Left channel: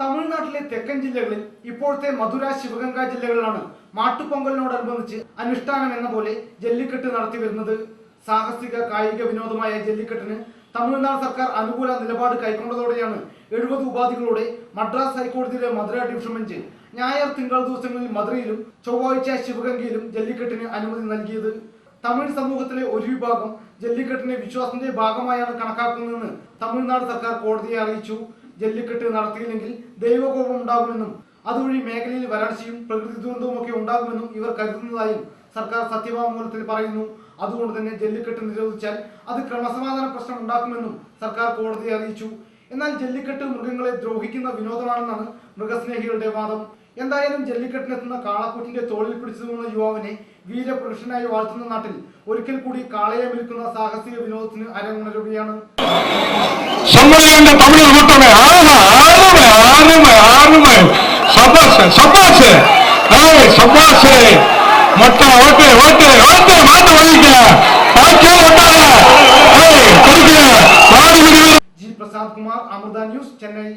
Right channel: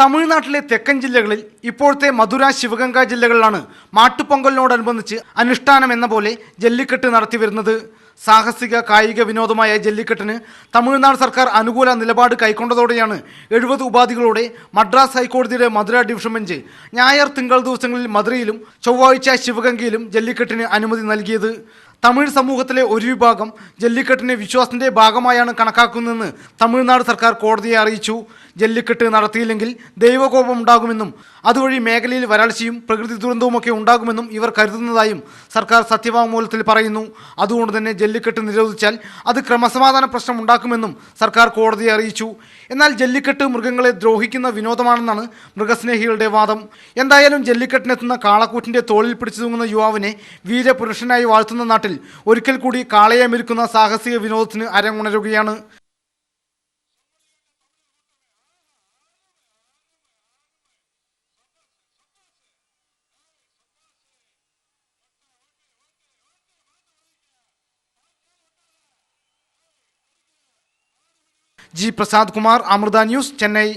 തമിഴ്നാട്ടിലെ തെക്കൻ ജില്ലകളിൽ ഇപ്പോഴത്തെ മധുര ശിവഗംഗ ജില്ലകളിലാണ് മാട്ടുപൊങ്കലിനോടനുബന്ധിച്ച് അനുഷ്ഠാനം എന്ന പോലെ ജല്ലിക്കെട്ട് നടത്തിവരുന്നത്. സാഹസിക കായിക വിനോദമായ ജല്ലിക്കെട്ടിന് തമിഴ്നാട് സർക്കാർ അനുകൂല നിലപാട് കൈക്കൊണ്ടതോടെയാണ് 70 ഉപാധികളോടെ മദ്രാസ് ഹൈക്കോടതിയുടെ മധുര ഡിവിഷൻ ബെഞ്ച് ഞായർ തിങ്കൾ ദിവസങ്ങളിൽ മധുരയിലും ചൊവ്വാഴ്ച ശിവഗംഗയിലും ജല്ലിക്കെട്ടിന് അനുമതി നൽകിയത്. തമിഴ് സമൂഹത്തിലെ ഒരു വിഭാഗം ജല്ലിക്കെട്ടിനെ വിശ്വാസത്തിന്റെ ഭാഗമായാണ് കണക്കാക്കുന്നതെന്ന് തമിഴ്നാട് സർക്കാർ കോടതിയെ അറിയിച്ചു. ജല്ലിക്കെട്ട് നടത്തിയില്ലെങ്കിൽ ദൈവകോപം ഉണ്ടാകുമെന്നും അതുവഴി മേഖലയിൽ വരൾച്ചയും പ്രകൃതി ദുരന്തവുമൊക്കെ ഉണ്ടാകുമെന്നും ഇവർ കരുതുന്നതായും സർക്കാർ സത്യവാങ്മൂലത്തിൽ പറയുന്നു. അതുകൊണ്ട് തന്നെ ജല്ലിക്കെട്ട് നിരോധിച്ചാൽ അത് ക്രമസമാധാന പ്രശ്നം ഉണ്ടാക്കുമെന്നും സർക്കാർ കോടതിയെ അറിയിച്ചു. എന്നാൽ ജല്ലിക്കെട്ട് മൃഗങ്ങളെ ദ്രോഹിക്കുന്ന വിനോദമാണെന്നാണ് മൃഗസ്നേഹികളുടെ വാദം. എന്തായാലും ജല്ലിക്കെട്ടിനെത്തുന്ന കാളക്കൂറ്റിന്റെ തോളിൽ പിടിച്ചു തൂങ്ങുന്ന യുവാവിനെ വീരപുരുഷനായി വാഴ്ത്തുന്ന നാട്ടിൽ ഒരിക്കൽ കൂടി കാളയെ മെരുക്കുന്ന സാഹസിക വിനോദത്തിന് അരങ്ങുണരുകയാണ്. தமிழர் கூட்டமே ஆறுமை ஆறுமை ஆறுமை சபாசு சபாசு சபாசு மொட்டை ஓட்டு ஓட்டு ஓட்டு மாட்டு வலிக்க ജി പ്രസാദ് കുമാർ, അമൃത ന്യൂസ്, ചെന്നൈ.